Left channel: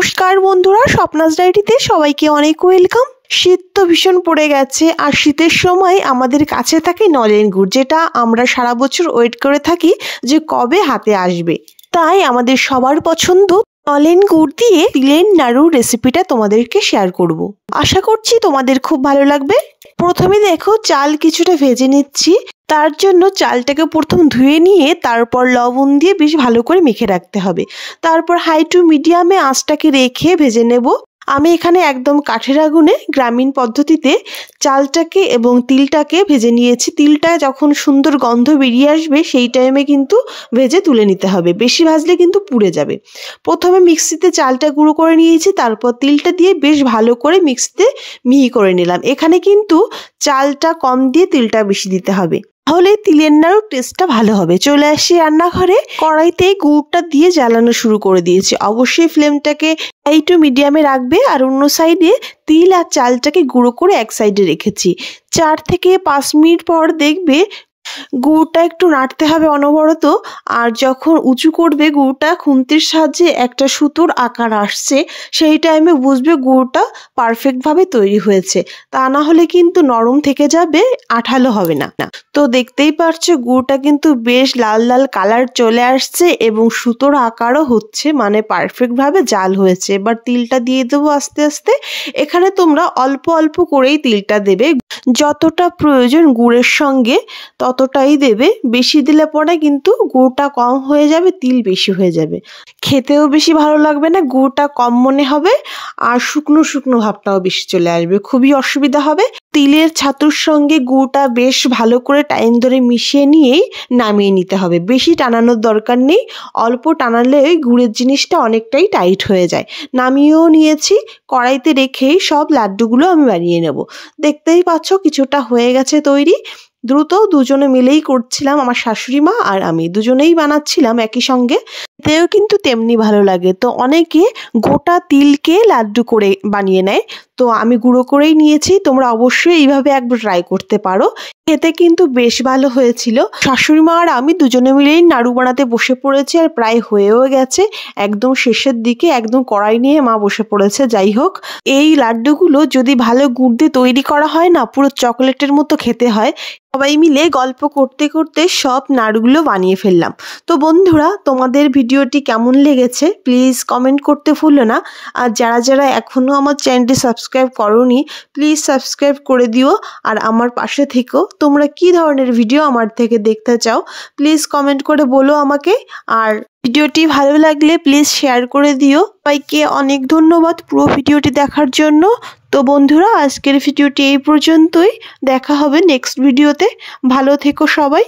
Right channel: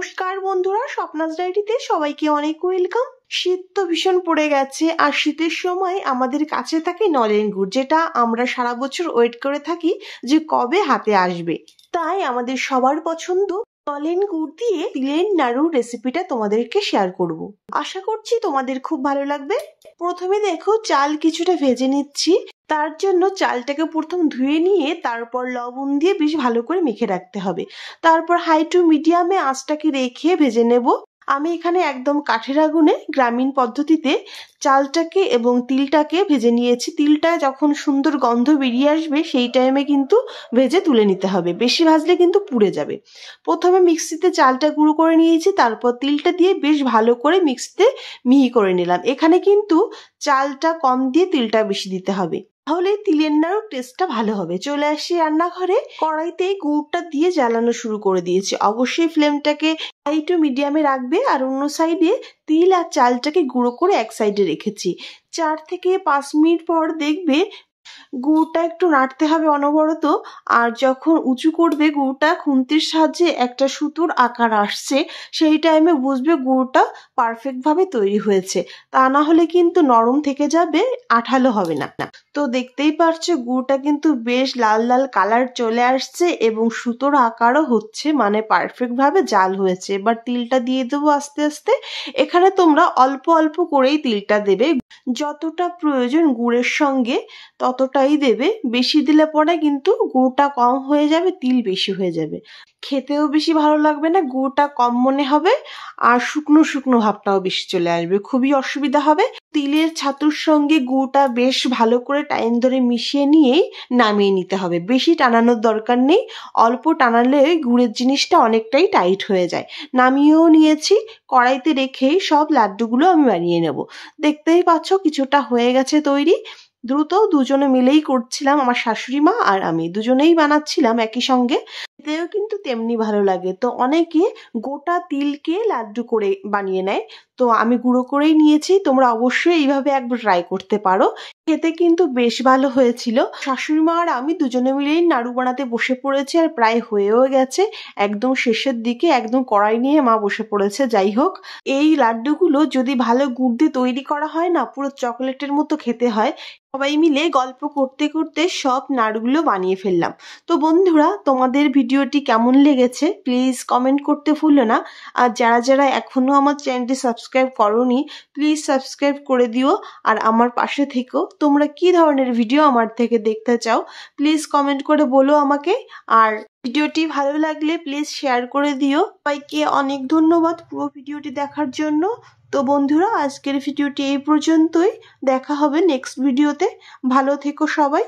নমস্কার বন্ধুরা, স্বপ্নাস ডায়েরিতে সবাইকে অনেক ওয়েলকাম। শীত তো ভীষণ পড়ে গেছে, আর শীতের সময় আমাদের কাছে থাকে নলেন গুড়, যেটা আমরা সারা বছর ওয়েট করে থাকি যে কবে হাতে আসবে। তাই আমাদের সবার পছন্দ নলেন গুড় দিয়ে তিলের নাড়ুর রেসিপিটা তোমাদেরকে শেয়ার করব। আশা করছি তোমাদের খুব ভালো লাগবে। প্রথমে দেখো, চাল কিছুটা ভেজে নিচ্ছি। তার জন্য চালটাকে প্রথম ধুয়ে নিয়ে তারপর লবণ দিয়ে বেশ ভালো করে মেখে রাখতে হবে। তারপর হাই টু মিডিয়ামে আঁচটাকে রেখে ভেজে নেব। আমি এখানে একদম কাঠের আগুনে গ্রামীণ পদ্ধতিতে চালটাকে এবং তিলটাকে ভেজে নিয়েছি। তিলটা যখন সুন্দর গন্ধ বেরিয়ে আসবে সেই টাইমে কিন্তু ভেজে তুলে নিতে হবে, বেশি ভাজলে কিন্তু পুড়ে যাবে। প্রথমে মিক্সিতে চালটা গুঁড়ো করে নিয়েছি, তারপর তিলটা দিয়ে বেশ ভালো করে মিক্সিতে মিহি করে নিলাম। এখানে কিন্তু চালটা কম দিয়ে তিলটা বেশি দিতে হবে, তাহলে তিলের নাড়ুর টেস্টটা ভালো হবে। চলে আসি রান্নাঘরে, কড়াইতে গুড়টা দিয়ে জ্বালানো শুরু করে দিয়েছি। অবশ্যই ফ্লেমটাকে হাই টু মিডিয়ামে রাখবে। আর অন্য সাইডে তিল আর চালটাকে গুঁড়ো করে এক সাইডে রেখেছি। 4 থেকে 5 মিনিট পর দেখবে গুড়টা একটু নাড়তে হবে অনবরত। আর যখন উঁচু করবে গুড়টা, খুন্তির সাহায্যে একটা সুতোর আকার আসছে, সেই টাইমে বুঝবে গুড়টা পারফেক্টভাবে তৈরি হয়েছে। তা না হলে কিন্তু নরম থেকে যাবে, আঠালো হবে না। তো দেখতেই পারছো গুড়টা কিন্তু বেশ লাল লাল কালার চলে আসছে এবং সুতোর আকারও হচ্ছে, মানে পারফেক্টভাবে জাল হয়েছে। এবার তিলটা দিয়ে দেবো আস্তে আস্তে। এখানে তোমরা অল্প অল্প করেই তিলটা দেবে, যতটা প্রয়োজন গুড়ের সঙ্গে ততটাই দেবে। বেশি দিলে পরে কিন্তু গুড়টা কম হয়ে যাবে, তিল বেশি হয়ে যাবে, খেতেও বেশি ভালো লাগবে না, গুড়টা কম মনে হবে, আর শুকনো শুকনো ভাবটাও বেশি চলে আসবে, খুবই অসুবিধা হবে। তিলের ছাতুর সঙ্গে গুড়টা বেশ ভালো করে টাইম ধরে মিশিয়ে নিয়েই নামিয়ে নিতে হবে। বেশি টানানোর দরকার নেই, অল্প টানালে গুড়ের জিনিসটা অনেকটাই টাইট হয়ে যায়। নামিয়েও নিয়েছি, কড়াইতে রেখেই সব লাড্ডুগুলো আমি বানিয়ে নেব। দেখতেই পাচ্ছ কিছুটা হয়ে গেছে তৈরি। দ্রুত দুজনে মিলেই করছিলাম, আমার শাশুড়ি মা আর আমি দুজনেই বানাচ্ছিলাম একই সঙ্গে। এতেও কিন্তু তেমনি ভালো লাগে। তো অনেকে গোটা তিলকে লাড্ডু করে বানিয়ে নেয়, তো আমি গুঁড়ো করেই নিয়েছি। তোমরা অবশ্যই এইভাবে একবার ট্রাই করতে পারো, খেতে কিন্তু বেশ ভালো হয়েছিল। শাশুড়ি মা আর আমি দুজনে মিলেই নাড়ু বানাতে বসে পড়েছি, আর প্রায় হয়েও গেছে। একদম শেষের দিকে একদম কড়াই নিয়ে মা বসে পড়েছে। যাই হোক, এই লাড্ডুগুলো যদি ভালো গুড় দিয়ে তৈরি করা হয় না, পুরো চকলেটের মতো খেতে হয়। সবাই মিলে গল্প করতে করতে সব নাড়ুগুলো বানিয়ে ফেললাম। তো বন্ধুরা, তোমাদের ভিডিওটি কেমন লেগেছে প্লিজ কমেন্ট করতে ভুলো না। আর যারা যারা এখনও আমার চ্যানেলটি সাবস্ক্রাইব করোনি প্লিজ সাবস্ক্রাইব করে দিও, আর আমার পাশে থেকো। তোমরা কি ধরনের ভিডিও আমার থেকে দেখতে চাও প্লিজ কমেন্ট করে বলো আমাকে। আর ভিডিওটি ভালো লাগলে প্লিজ শেয়ার করে দিও। সবাইকে অনেক ধন্যবাদ পুরো ভিডিওটি দেখার জন্য। তো বন্ধুরা, আজকের ভিডিওটি এই পর্যন্তই। দেখা হবে নেক্সট ভিডিওতে। ভালো থেকো সবাই।